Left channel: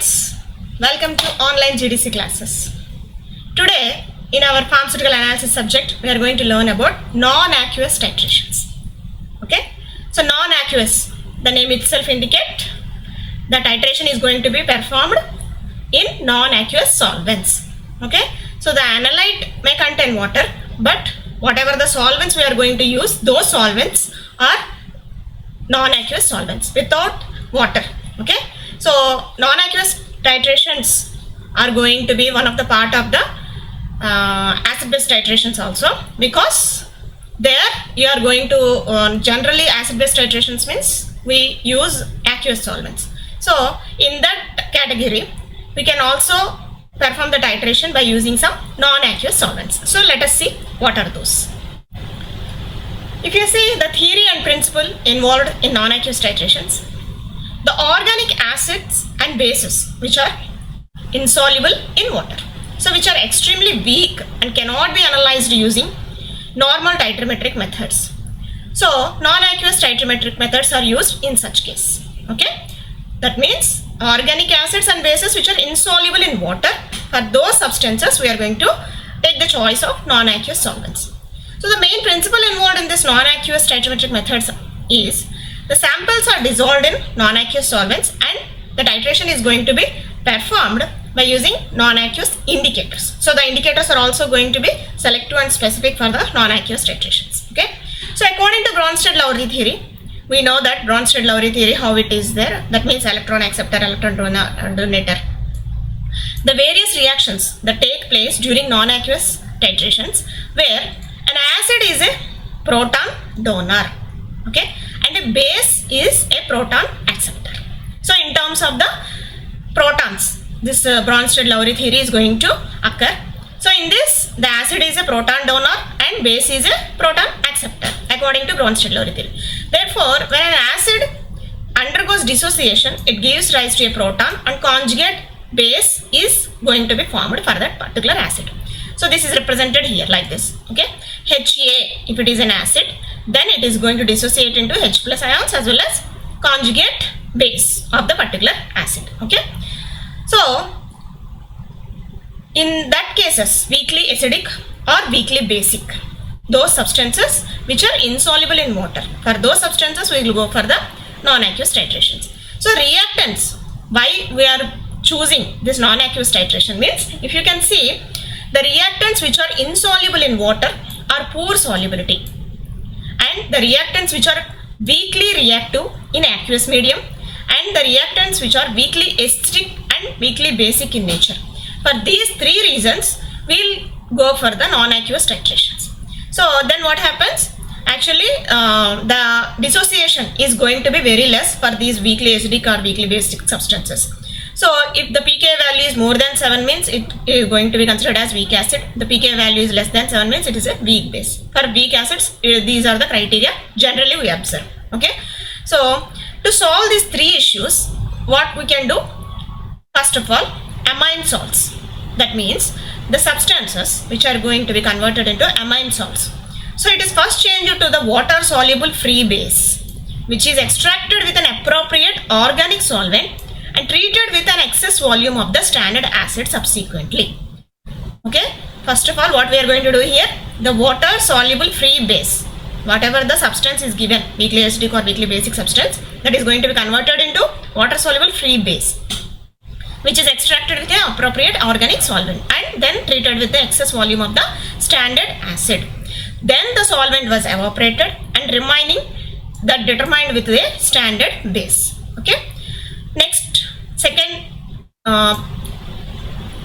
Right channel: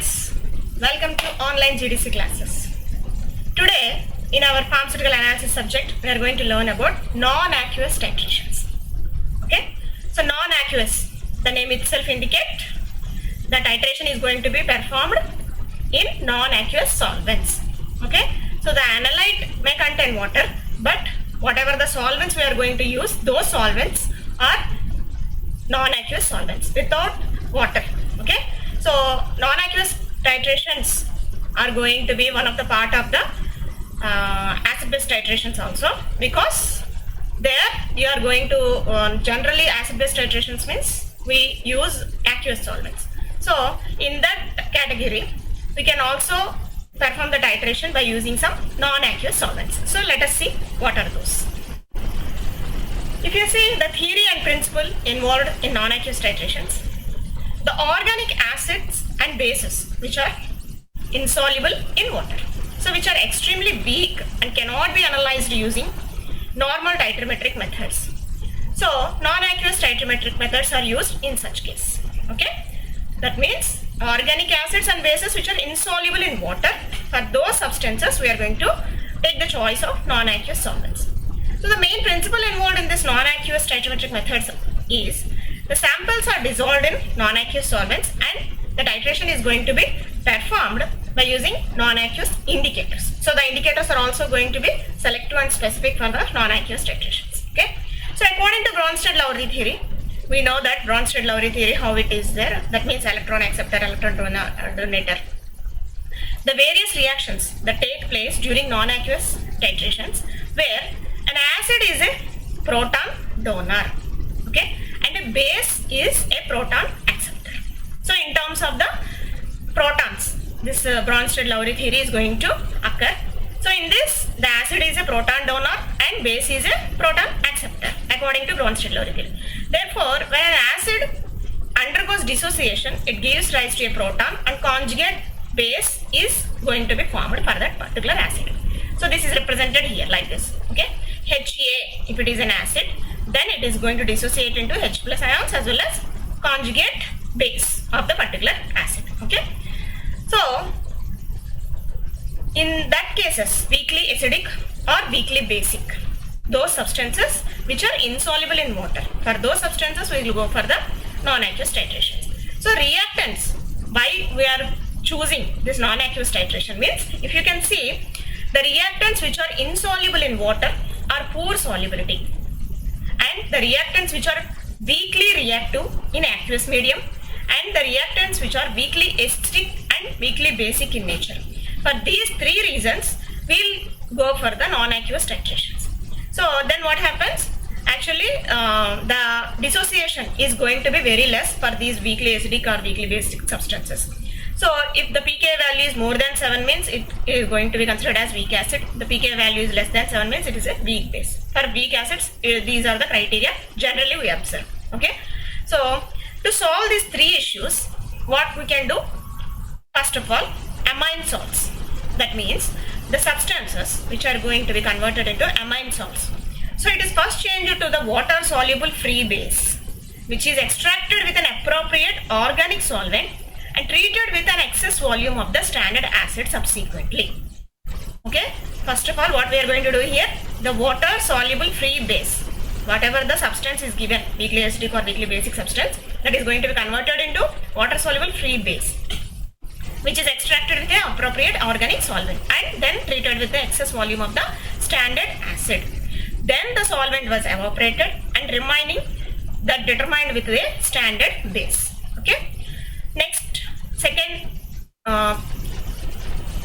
friends, welcome to online GDC classes. Today in our pharmaceutical analysis subject we are going to learn about non-aqueous titrations. Okay, so non-aqueous, the name itself indicate the titration is going to be performed in non-aqueous solvents. Okay, so the analyte may contain water, but whatever the solvents we are going to use, those solvents are non-aqueous solvents without water. Okay, so non-aqueous titrations are going to be one of the part of the acid-base titrations also, because there you are going to generally acid-base titrations means we use aqueous solvents. So in that category we can also perform the titration by using some non-aqueous solvents. So let us see what are those. If you see the theory and principle involved in non-aqueous titrations, the organic acids and bases which are insoluble in water, so which are extremely weak and cannot be analyzed using normal titrometric methods. So non-aqueous titrometric methods are used in such case. Okay, that means organic acids and bases which are insoluble in water, for those substances we are going to take the choice of non-aqueous solvents. So the main principle involved in this non-aqueous titrometric methods is the samples are dissolved in non-aqueous solvents and the titration is going to be performed by using non-aqueous indicators. So the indicators are also going to be selective and specific for the non-aqueous titrations. Okay, so according to Bronsted-Lowry theory, we know that Bronsted-Lowry theory, how it is there, that means electron acceptor, electron donator. The various reactions that take place during non-aqueous titrations where an acid is a proton donor, okay, and a base is a proton acceptor. So in terms of the protons, this Bronsted-Lowry theory is going to occur. So in this, the acid is a proton donor and base is a proton acceptor according to Bronsted-Lowry theory. Therefore, when an acid undergoes dissociation, it gives rise to a proton and conjugate base is going to be formed for that particular acid. So this is represented here like this. Okay, HA, if it is an acid, then it is going to dissociate into H plus ions as well as conjugate base of the particular acid. Okay, so in that cases, weakly acidic or weakly basic, those substances which are insoluble in water, for those substances we will go for the non-aqueous titrations. So reactants, why we are choosing this non-aqueous titration means, if you can see, the reactants which are insoluble in water are poor solubility, and the reactants which are weakly reactive in aqueous medium, and the reactants which are weakly acidic and weakly basic in nature. For these three reasons, we will go for the non-aqueous titrations. So then what happens? Actually, the dissociation is going to be very less for these weakly acidic or weakly basic substances. So if the pK value is more than 7 means it is going to be considered as weak acid. The pK value is less than 7 means it is a weak base. For weak acids, these are the criteria generally we observe. Okay, so to solve these three issues, what we can do? First of all, amine salts. That means the substances which are going to be converted into amine salts. So it is first changed to the water soluble free base, which is extracted with an appropriate organic solvent and treated with an excess volume of the standard acid subsequently. Okay, first of all, what we are going to do here, the water soluble free base, whatever the substance is given, weakly acidic or weakly basic substance, that is going to be converted into water soluble free base, which is extracted with an appropriate organic solvent and then treated with the excess volume of the standard acid. Then the solvent was evaporated and remaining that determined with the standard base. Okay, next, second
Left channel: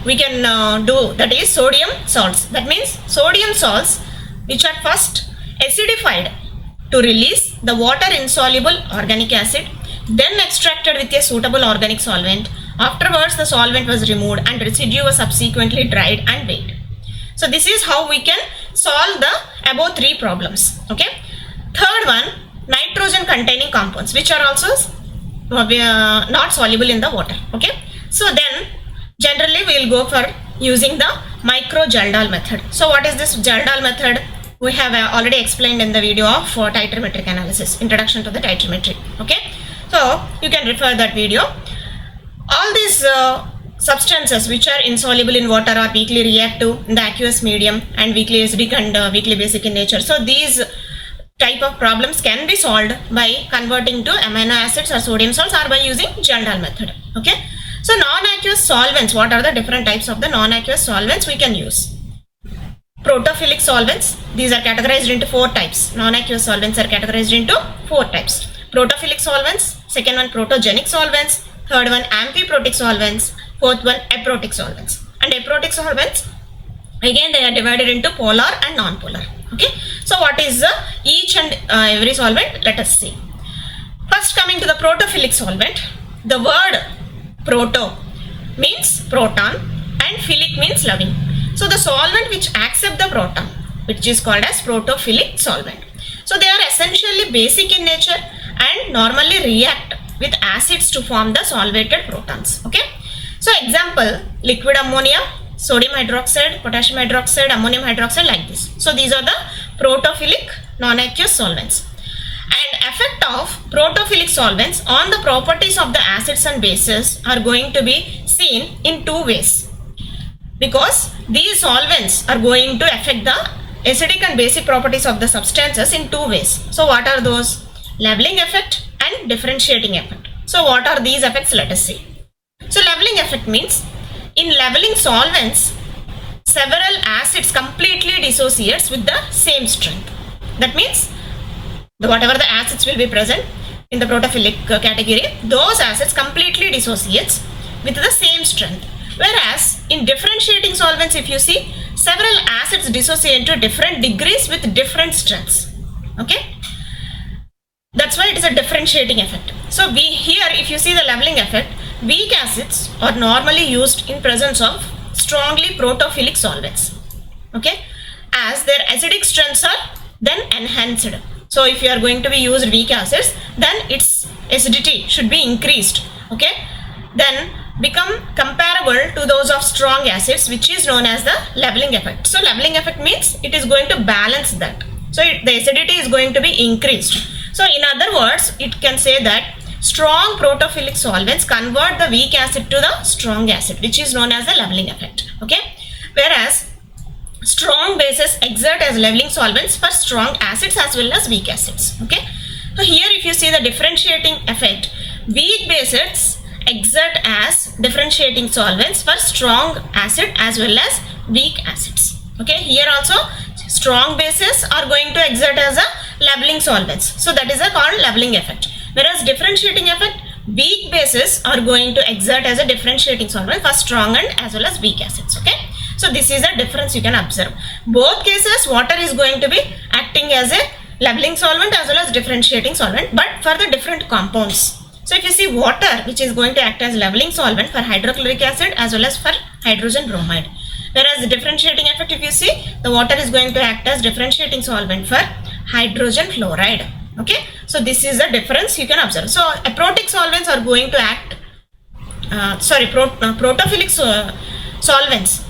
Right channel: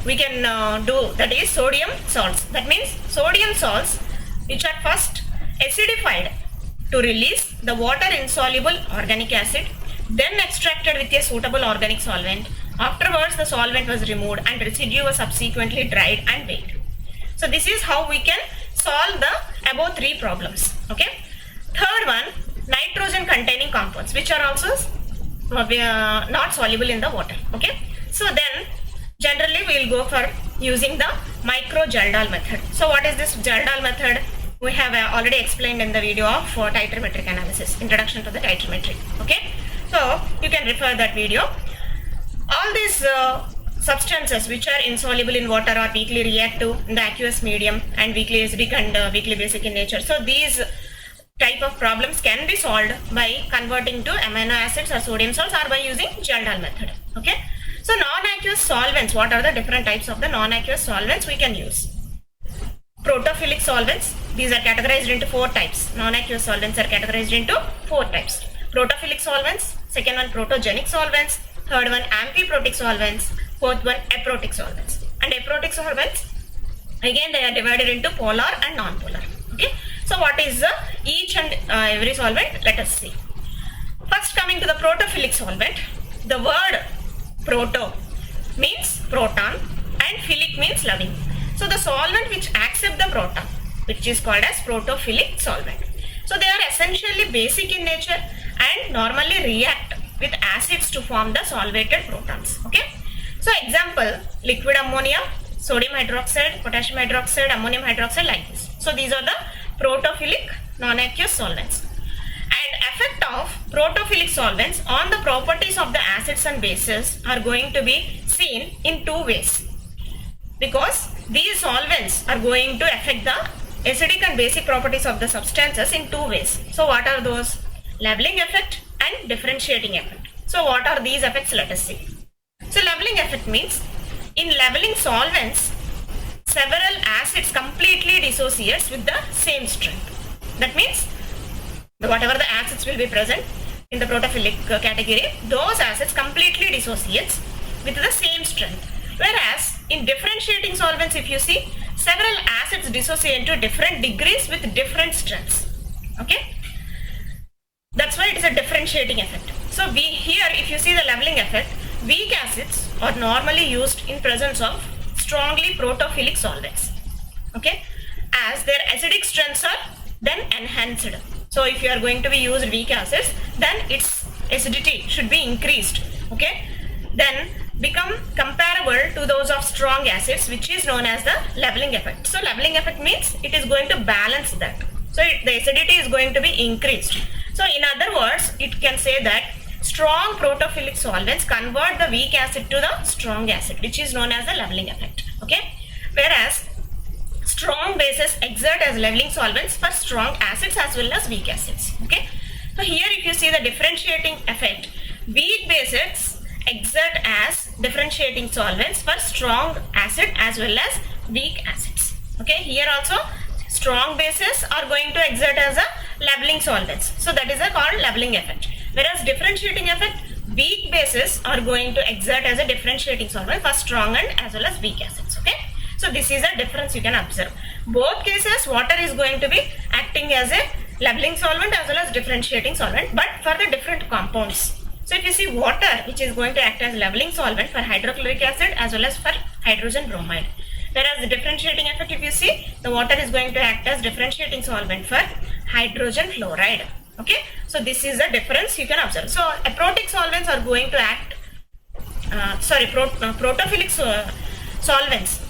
we can do, that is sodium salts. That means sodium salts which are first acidified to release the water insoluble organic acid, then extracted with a suitable organic solvent. Afterwards, the solvent was removed and residue was subsequently dried and weighed. So this is how we can solve the above three problems. Okay, third one, nitrogen containing compounds which are also not soluble in the water. Okay, so then generally we will go for using the micro-𝙎 method. So what is this 𝙎 method? We have already explained in the video of titrometric analysis, introduction to the titrometry. Okay, so you can refer that video. All these these substances which are insoluble in water are weakly reactive in the aqueous medium and weakly acidic and weakly basic in nature. So these type of problems can be solved by converting to amino acids or sodium salts or by using 𝘎𝙎𝙎 method. Okay. So non-aqueous solvents, what are the different types of the non-aqueous solvents we can use? Protophilic solvents, these are categorized into 4 types. Non-aqueous solvents are categorized into 4 types. Protophilic solvents, second one protogenic solvents, third one amphiprotic solvents, fourth one aprotic solvents. And aprotic solvents, again they are divided into polar and non-polar. Okay. So what is each and every solvent? Let us see. First, coming to the protophilic solvent, the word proto means proton and philic means loving. So the solvent which accept the proton, which is called as protophilic solvent. So they are essentially basic in nature and normally react with acids to form the solvated protons. Okay. So example, liquid ammonia, sodium hydroxide, potassium hydroxide, ammonium hydroxide, like this. So these are the protophilic non-aqueous solvents. And effect of protophilic solvents on the properties of the acids and bases are going to be seen in 2 ways, because these solvents are going to affect the acidic and basic properties of the substances in 2 ways. So what are those? Leveling effect and differentiating effect. So what are these effects? Let us see. So leveling effect means in leveling solvents, several acids completely dissociates with the same strength. That means whatever the acids will be present in the protophilic category, those acids completely dissociates with the same strength. Whereas in differentiating solvents, if you see, several acids dissociate to different degrees with different strengths. Okay. That's why it is a differentiating effect. So here, if you see the leveling effect, weak acids are normally used in presence of strongly protophilic solvents. Okay. As their acidic strengths are then enhanced. So if you are going to be used weak acids, then its acidity should be increased. Okay. Then become comparable to those of strong acids, which is known as the leveling effect. So leveling effect means it is going to balance that. So the acidity is going to be increased. So in other words, it can say that strong protophilic solvents convert the weak acid to the strong acid, which is known as the leveling effect. Okay. Whereas strong bases exert as leveling solvents for strong acids as well as weak acids. Okay. So here if you see the differentiating effect, weak bases exert as differentiating solvents for strong acid as well as weak acids. Okay. Here also strong bases are going to exert as a leveling solvents. So that is a called leveling effect. Whereas differentiating effect, weak bases are going to exert as a differentiating solvent for strong and as well as weak acids. Okay. So this is a difference you can observe. Both cases, water is going to be acting as a leveling solvent as well as differentiating solvent, but for the different compounds. So if you see water, which is going to act as leveling solvent for hydrochloric acid as well as for hydrogen bromide. Whereas the differentiating effect, if you see, the water is going to act as differentiating solvent for hydrogen fluoride. Okay. So this is the difference you can observe. So aprotic solvents are going to act, protophilic solvents.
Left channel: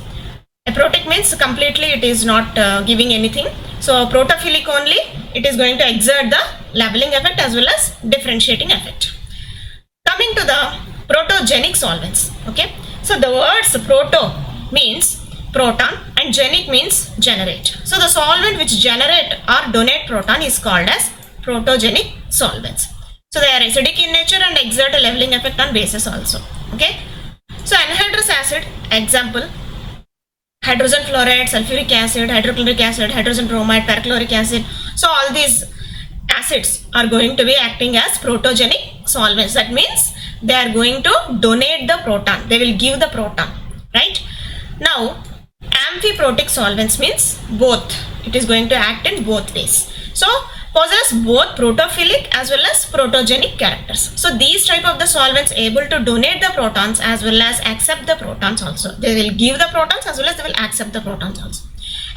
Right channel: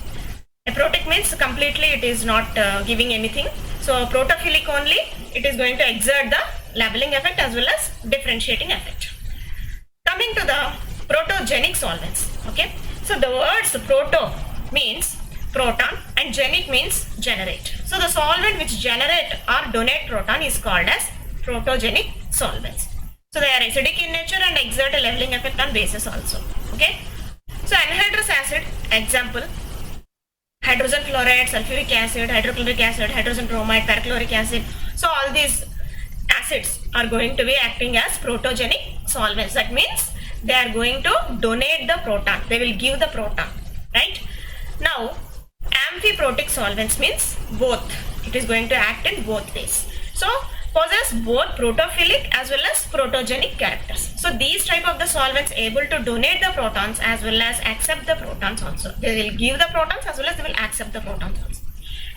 Aprotic means completely it is not giving anything. So protophilic only, it is going to exert the leveling effect as well as differentiating effect. Coming to the protogenic solvents. Okay. So the words proto means proton and genic means generate. So the solvent which generate or donate proton is called as protogenic solvents. So they are acidic in nature and exert a leveling effect on bases also. Okay. So anhydrous acid, example, hydrogen fluoride, sulfuric acid, hydrochloric acid, hydrogen bromide, perchloric acid. So all these acids are going to be acting as protogenic solvents. That means they are going to donate the proton. They will give the proton, right? Now, amphiprotic solvents means both. It is going to act in both ways. So, possess both protophilic as well as protogenic characters. So, these type of the solvents able to donate the protons as well as accept the protons also. They will give the protons as well as they will accept the protons also.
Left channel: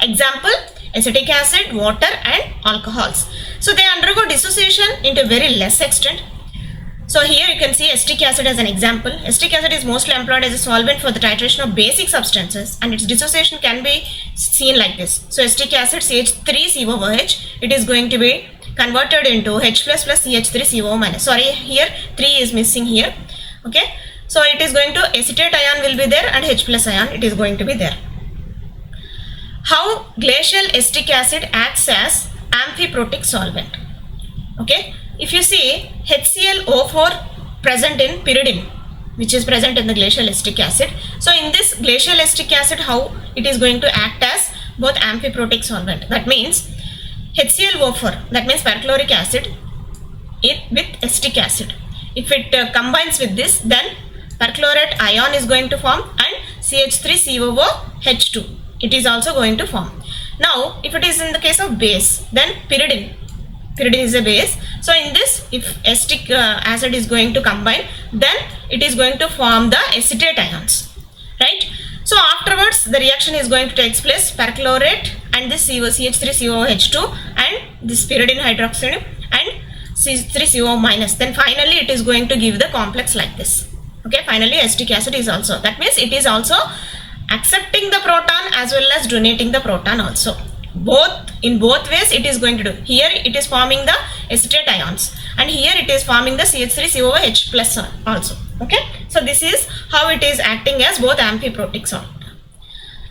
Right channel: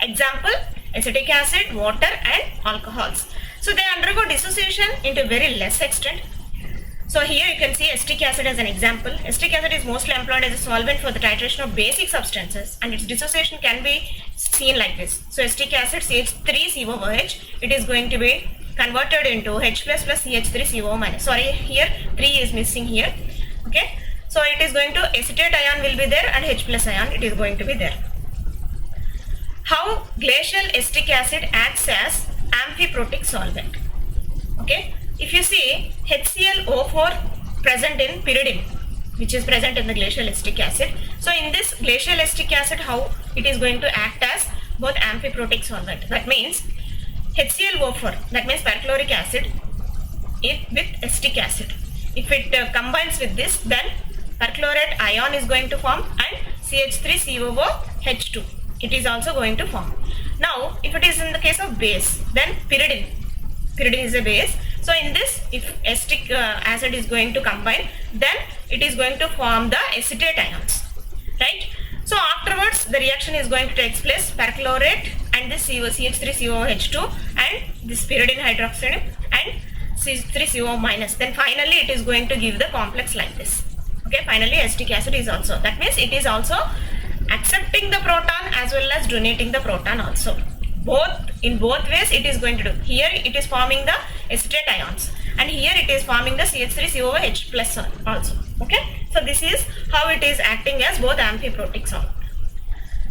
Example, acetic acid, water and alcohols. So, they undergo dissociation into very less extent. So here you can see acetic acid as an example. Acetic acid is mostly employed as a solvent for the titration of basic substances and its dissociation can be seen like this. So acetic acid CH3COOH, it is going to be converted into H plus CH3CO minus. Sorry, here 3 is missing here. Okay. So it is going to acetate ion will be there and H plus ion it is going to be there. How glacial acetic acid acts as amphiprotic solvent. Okay, if you see HClO4 present in pyridine, which is present in the glacial acetic acid. So in this glacial acetic acid, how it is going to act as both amphiprotic solvent. That means HClO4, that means perchloric acid with acetic acid. If it combines with this, then perchlorate ion is going to form and CH3COOH2 it is also going to form. Now if it is in the case of base, then pyridine is a base. So in this, if acetic acid is going to combine, then it is going to form the acetate ions, right? So afterwards the reaction is going to take place, perchlorate and this CH3COOH2 and this pyridine hydroxide and CH3CO minus, then finally it is going to give the complex like this. Okay, finally acetic acid is also, that means it is also accepting the proton as well as donating the proton also. In both ways it is going to do. Here it is forming the acetate ions and here it is forming the CH3COOH plus also. Okay, so this is how it is acting as both amphiprotic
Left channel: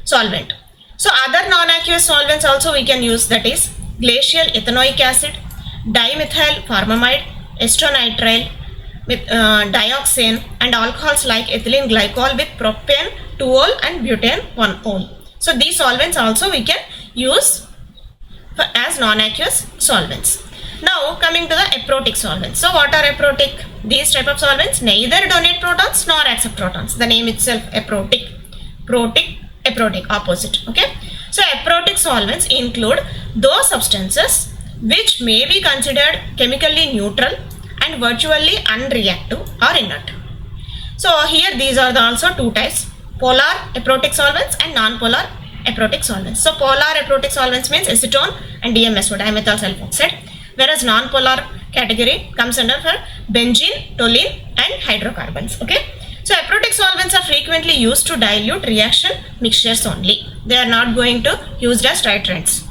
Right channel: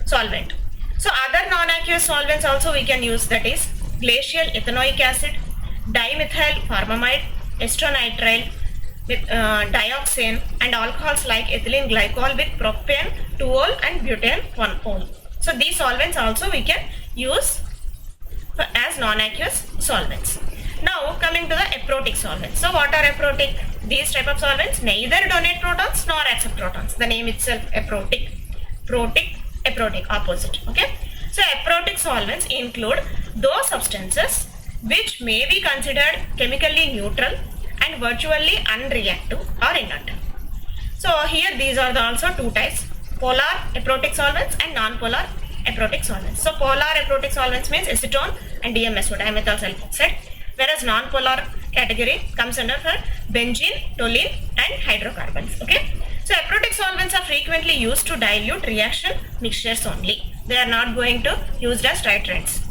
solvent. So other non-aqueous solvents also we can use, that is glacial ethanoic acid, dimethyl formamide, acetonitrile with dioxane and alcohols like ethylene glycol with propane 2-ol and butane 1-ol. So these solvents also we can use as non-aqueous solvents. Now coming to the aprotic solvents. So what are aprotic? These type of solvents neither donate protons nor accept protons. The name itself aprotic. Aprotic, opposite. Okay. So aprotic solvents include those substances which may be considered chemically neutral and virtually unreactive or inert. So here these are also two types: polar aprotic solvents and non-polar aprotic solvents. So polar aprotic solvents means acetone and DMSO, dimethyl sulfoxide, whereas non-polar category comes under for benzene, toluene and hydrocarbons. Okay. So aprotic solvents are frequently used to dilute reaction mixtures only. They are not going to used as titrants.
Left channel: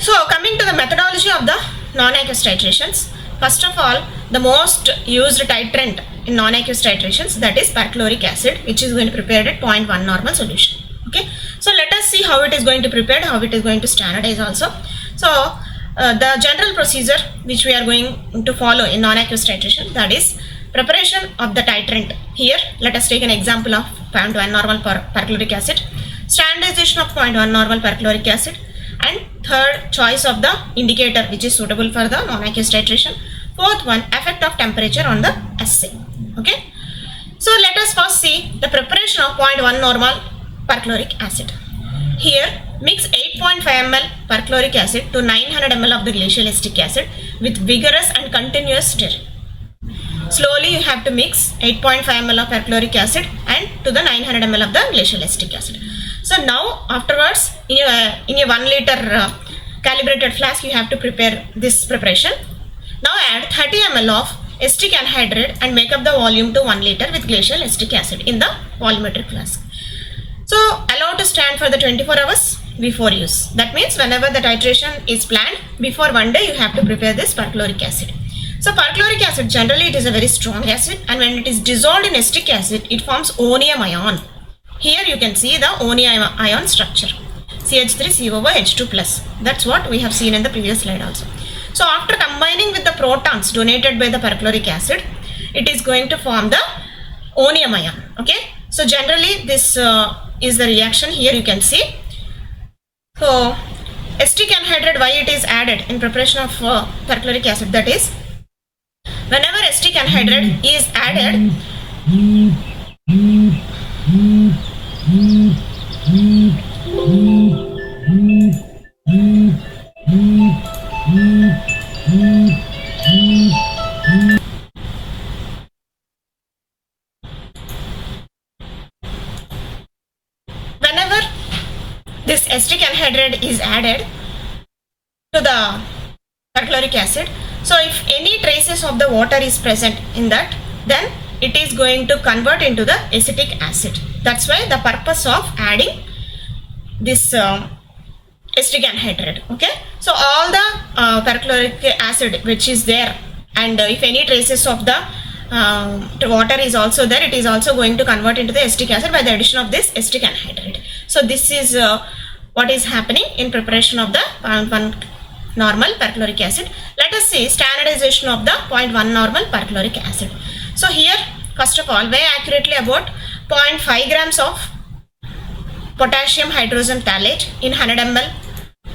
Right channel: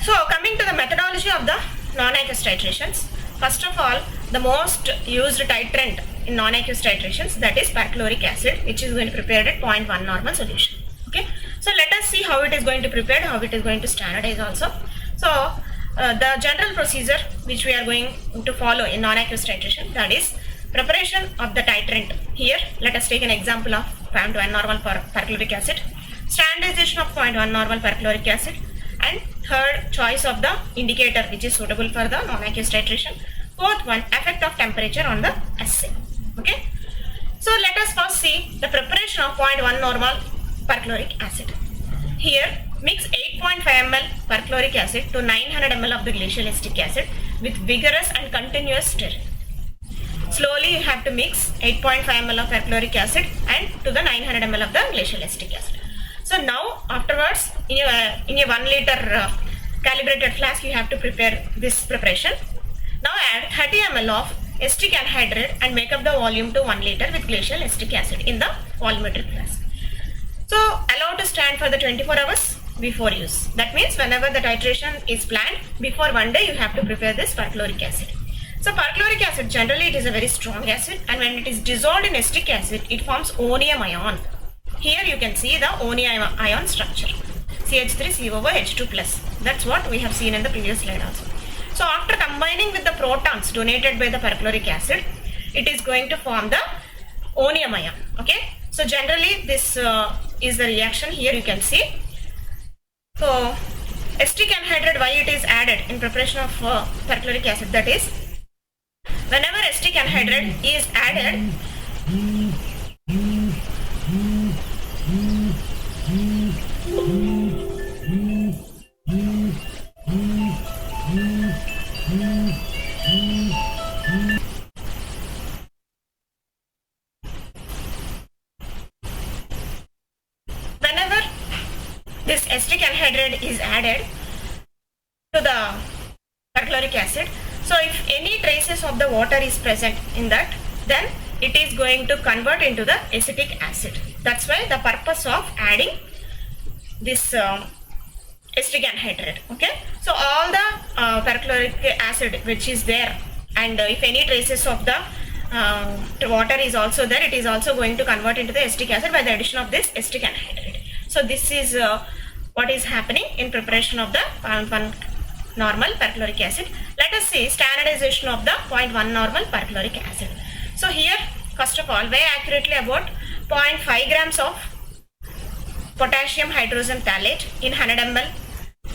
So coming to the methodology of the non-aqueous titrations. First of all, the most used titrant in non-aqueous titrations, that is perchloric acid, which is going to prepare at 0.1 normal solution. Okay. So let us see how it is going to prepare, how it is going to standardize also. So the general procedure which we are going to follow in non-aqueous titration, that is preparation of the titrant. Here let us take an example of 0.1 normal perchloric acid, standardization of 0.1 normal perchloric acid, and third, choice of the indicator which is suitable for the non-aqueous titration. Fourth one, effect of temperature on the assay. Okay. So let us first see the preparation of 0.1 normal perchloric acid. Here mix 8.5 ml perchloric acid to 900 ml of the glacial acetic acid with vigorous and continuous stirring. Slowly you have to mix 8.5 ml of perchloric acid and to the 900 ml of the glacial acetic acid. So now afterwards in a 1 liter calibrated flask you have to prepare this preparation. Now add 30 ml of acetic anhydride and make up the volume to 1 liter with glacial acetic acid in the volumetric flask. So allow to stand for the 24 hours before use. That means whenever the titration is planned, before 1 day you have to prepare this perchloric acid. So perchloric acid, generally it is a very strong acid, and when it is dissolved in acetic acid it forms onium ion. Here you can see the onium ion structure, CH3COOH2 plus. That's what we have seen in the previous slide also. So after combining with the protons donated by the perchloric acid, it is going to form the onium ion. Okay. So generally this is the reaction. Here you can see. So acetic anhydride, why it is added in preparation of perchloric acid, that is whenever acetic anhydride is added, whenever this acetic anhydride is added to the perchloric acid, so if any traces of the water is present in that, then it is going to convert into the acetic acid. That's why the purpose of adding this acetic anhydride. Okay. So all the perchloric acid which is there, and if any traces of the water is also there, it is also going to convert into the acetic acid by the addition of this acetic anhydride. So this is what is happening in preparation of the 0.1 normal perchloric acid. Let us see standardization of the 0.1 normal perchloric acid. So here, first of all, weigh accurately about 0.5 grams of potassium hydrogen phthalate in 100 ml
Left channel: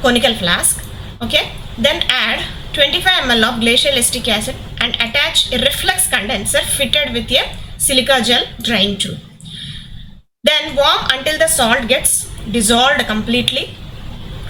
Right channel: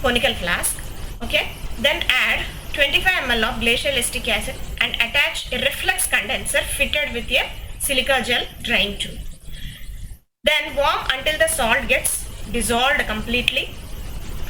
conical flask. Okay, then add 25 ml of glacial acetic acid and attach a reflux condenser fitted with a silica gel drying tube. Then warm until the salt gets dissolved completely.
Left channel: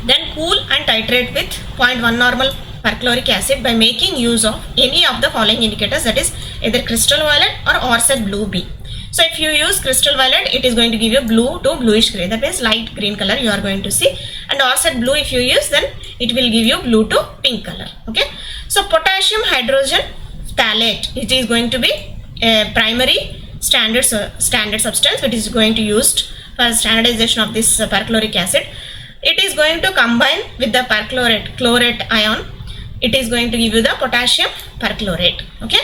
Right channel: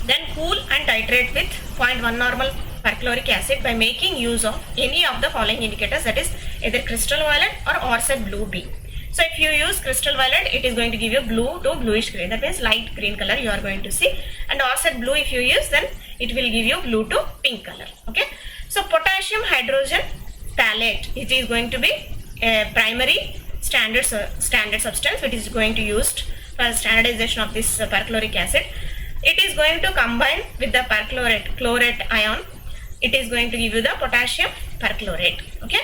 Then cool and titrate with 0.1 normal perchloric acid by making use of any of the following indicators, that is either crystal violet or 𝙤𝙎𝑃𝙁 blue B. So if you use crystal violet, it is going to give you blue to bluish grey, that means light green color you are going to see, and 𝙤𝙎𝑃𝙁 blue if you use, then it will give you blue to pink color. Okay, so potassium hydrogen phthalate, it is going to be a primary standard substance which is going to used for standardization of this perchloric acid. It is going to combine with the chlorate ion. It is going to give you the potassium perchlorate. Okay,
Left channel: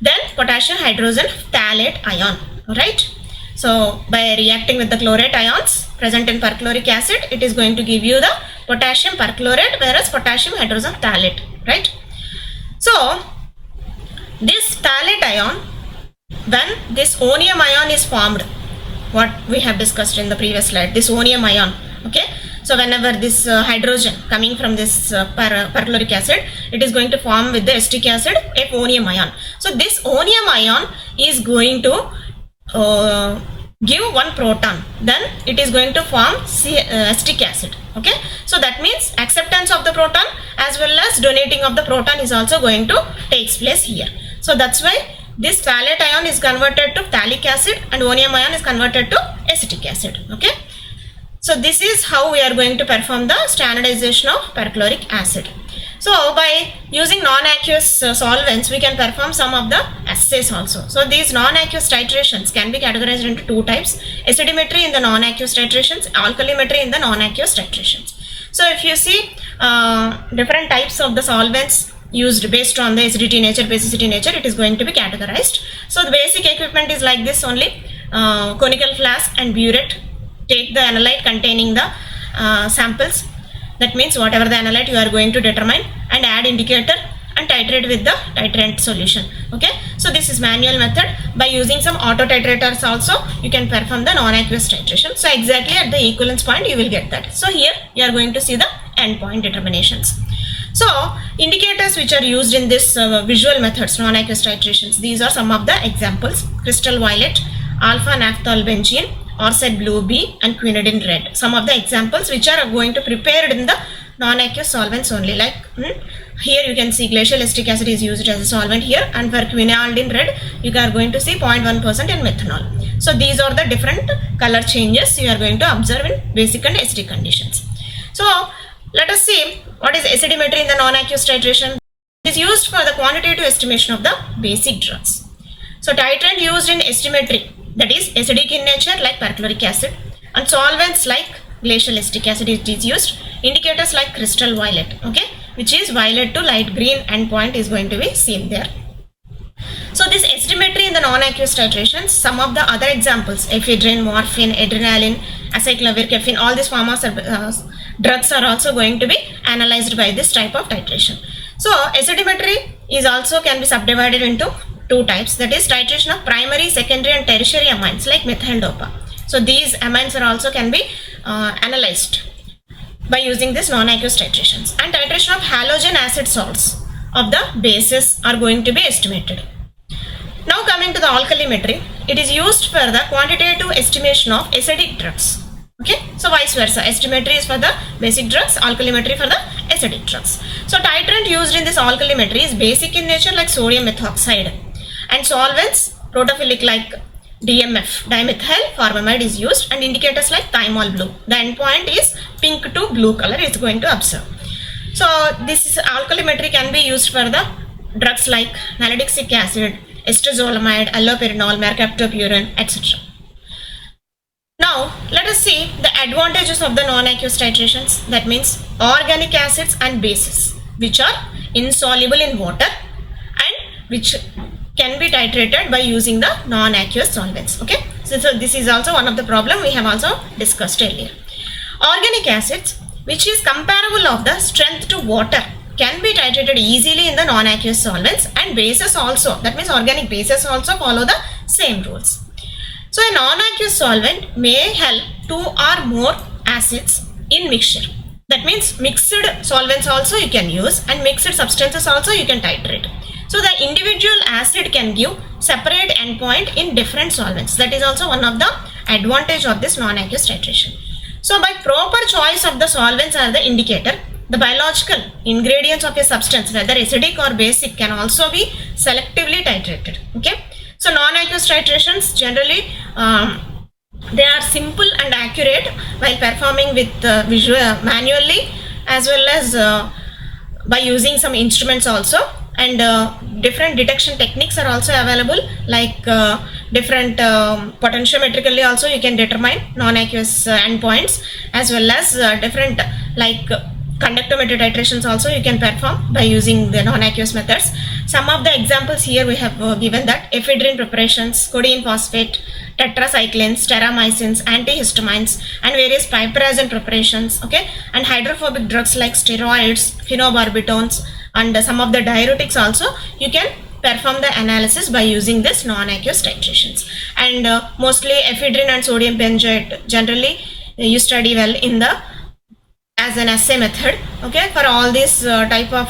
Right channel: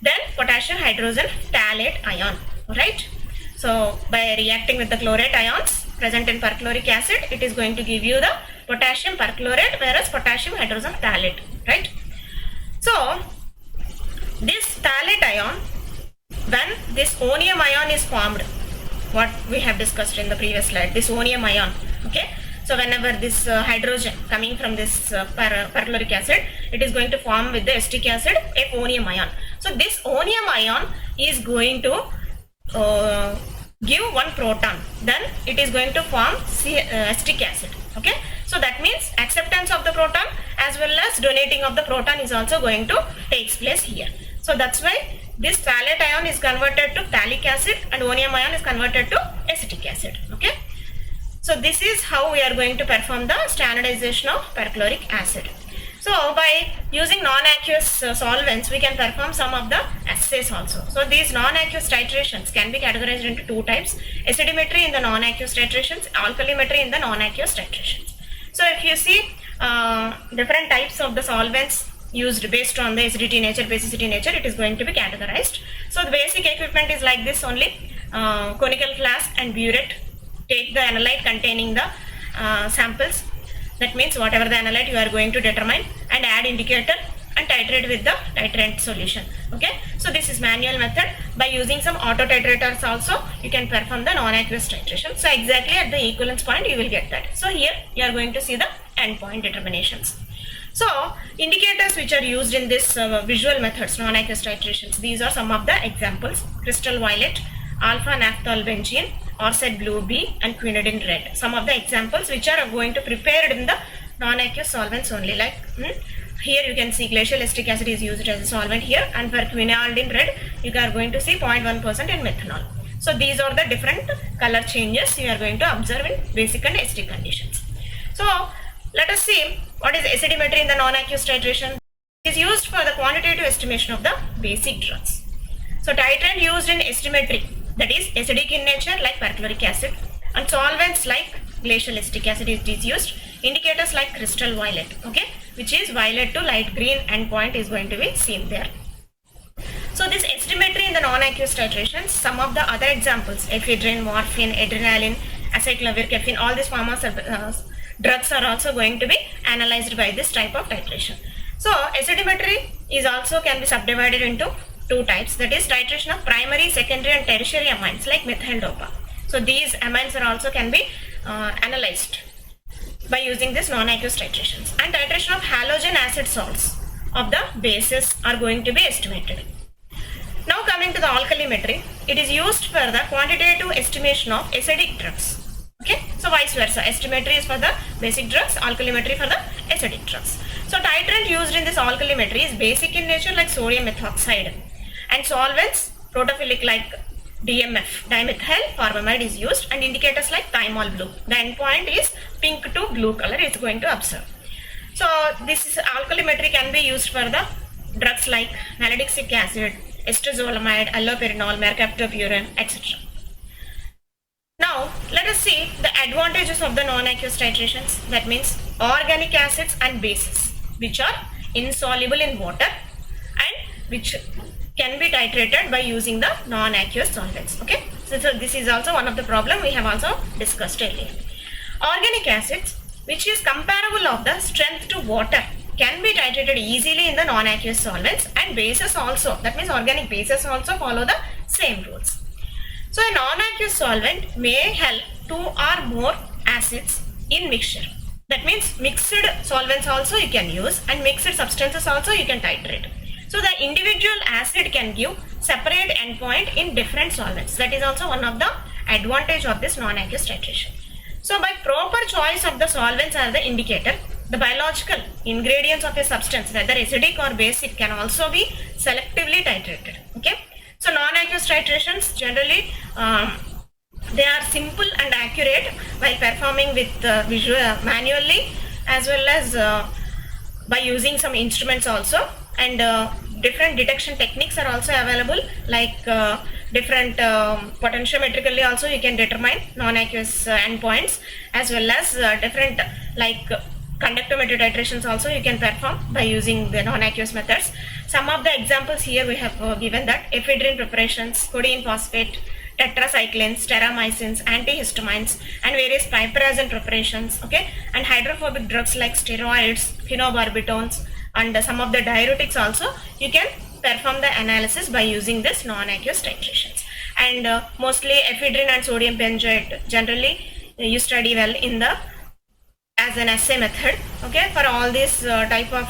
then potassium hydrogen phthalate ion. Right, so by reacting with the chlorate ions present in perchloric acid, it is going to give you the potassium perchlorate, whereas potassium hydrogen phthalate. Right, so this phthalate ion, when this onium ion is formed, what we have discussed in the previous slide, this onium ion. Okay, so whenever this hydrogen coming from this perchloric acid, it is going to form with the acetic acid a onium ion. So this onium ion is going to give one proton, then it is going to form acetic acid. Okay, so that means acceptance of the proton as well as donating of the proton is also going to takes place here. So that's why this phthalate ion is converted to phthalic acid and onium ion is converted to acetic acid. Okay, so this is how we are going to perform the standardization of perchloric acid. So by using non-aqueous solvents, we can perform some of the assays also. So these non-aqueous titrations can be categorized into two types: acidimetry in the non-aqueous titrations, alkalimetry in the non-aqueous titrations. So if you see different types of the solvents used based on the acidity nature, basicity nature, it is going to be categorized. So the basic equipment is like this only: conical flask and burette. Take the analyte containing the samples, that means whatever the analyte you are going to determine, and add indicator and titrate with the titrant solution. Okay, so this is manual method. By using some auto titrators also you can perform the non-aqueous titration. So exactly at the equivalence point you will get that. So here you are going to see the endpoint determinations. So indicators which are used in this visual methods, non-aqueous titrations, these are some of the examples: crystal violet, alpha naphthol benzene, 𝙤𝙎𝑃𝙁 blue B, and quinidine red. Some of the examples which are going to prepared in the non-aqueous solvents only. Like here you can see glacial acetic acid is used as a solvent here, and for quinidine red you are going to see 0.1% in methanol. So these are the different color changes you are going to observe in basic and acidic conditions. So let us see what is acidimetry in the non-aqueous titration. It is used for the quantitative estimation of the basic drugs. So titrant used in acidimetry, that is acidic in nature like perchloric acid, and solvents like glacial acetic acid is used. Indicators like crystal violet, okay, which is violet to light green endpoint is going to be seen there. So this acidimetry in the non-aqueous titrations, some of the other examples: ephedrine, morphine, adrenaline, acyclovir, caffeine, all these drugs are also going to be analyzed by this type of titration. So acidimetry is also can be subdivided into two types, that is titration of primary, secondary and tertiary amines like methyl dopa. So these amines are also can be analyzed by using this non-aqueous titrations, and titration of halogen acid salts of the bases are going to be estimated. Now coming to the alkalimetry, it is used for the quantitative estimation of acidic drugs. Okay, so vice versa, estimetry is for the basic drugs, alkalimetry for the acidic drugs. So titrant used in this alkalimetry is basic in nature like sodium methoxide, and solvents protophilic like DMF, dimethyl formamide is used, and indicators like thymol blue. The endpoint is pink to blue color is going to observe. So this alkalimetry can be used for the drugs like nalidixic acid, estrazolamide, allopurinol, mercaptopurine, etc. Now let us see the advantages of the non-aqueous titrations. That means organic acids and bases which are insoluble in water and which can be titrated by using the non-aqueous solvents. Okay, so this is also one of the problem we have also discussed earlier. Organic acids, which is comparable of the strength to water, can be titrated easily in the non-aqueous solvents, and bases also, that means organic bases also follow the same rules. So a non-aqueous solvent may help 2 or more acids in mixture. That means mixed solvents also you can use, and mixed substances also you can titrate. So the individual acid can give separate endpoint in different solvents. That is also one of the advantage of this non-aqueous titration. So by proper choice of the solvents as the indicator, the biological ingredients of a substance, whether acidic or basic, can also be selectively titrated. Okay. So non-aqueous titrations generally they are simple and accurate while performing with manually, as well as by using some instruments also, and different detection techniques are also available, like different potentiometrically also you can determine non-aqueous endpoints, as well as different like conductometry titrations also you can perform by using the non-aqueous methods. Some of the examples here we have given that ephedrine preparations, codeine phosphate, tetracyclines, terramycins, antihistamines, and various piperazine preparations, okay, and hydrophobic drugs like steroids, phenobarbitones, and some of the diuretics also you can perform the analysis by using this non-aqueous titrations. And mostly ephedrine and sodium benzoate generally you study well in the as an assay method. Okay, for all these type of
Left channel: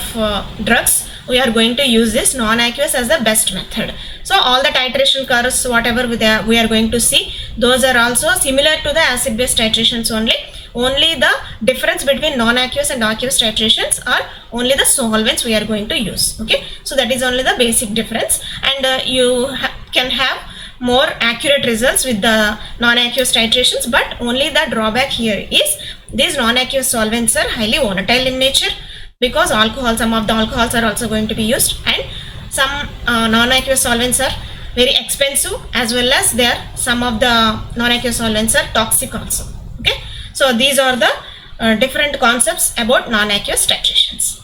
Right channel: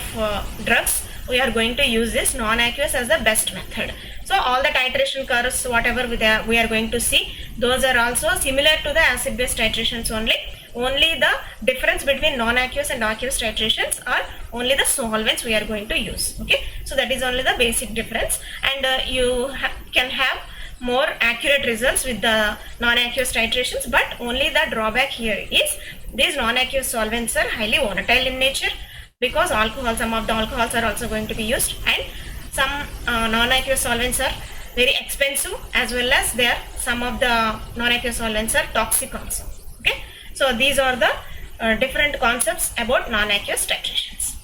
drugs we are going to use this non-aqueous as the best method. So all the titration curves, whatever we are going to see, those are also similar to the acid based titrations only. Only the difference between non-aqueous and aqueous titrations are only the solvents we are going to use. Okay, so that is only the basic difference, and you can have more accurate results with the non-aqueous titrations, but only the drawback here is these non-aqueous solvents are highly volatile in nature, because some of the alcohols are also going to be used, and some non-aqueous solvents are very expensive, as well as some of the non-aqueous solvents are toxic also. Okay, so these are the different concepts about non-aqueous titrations.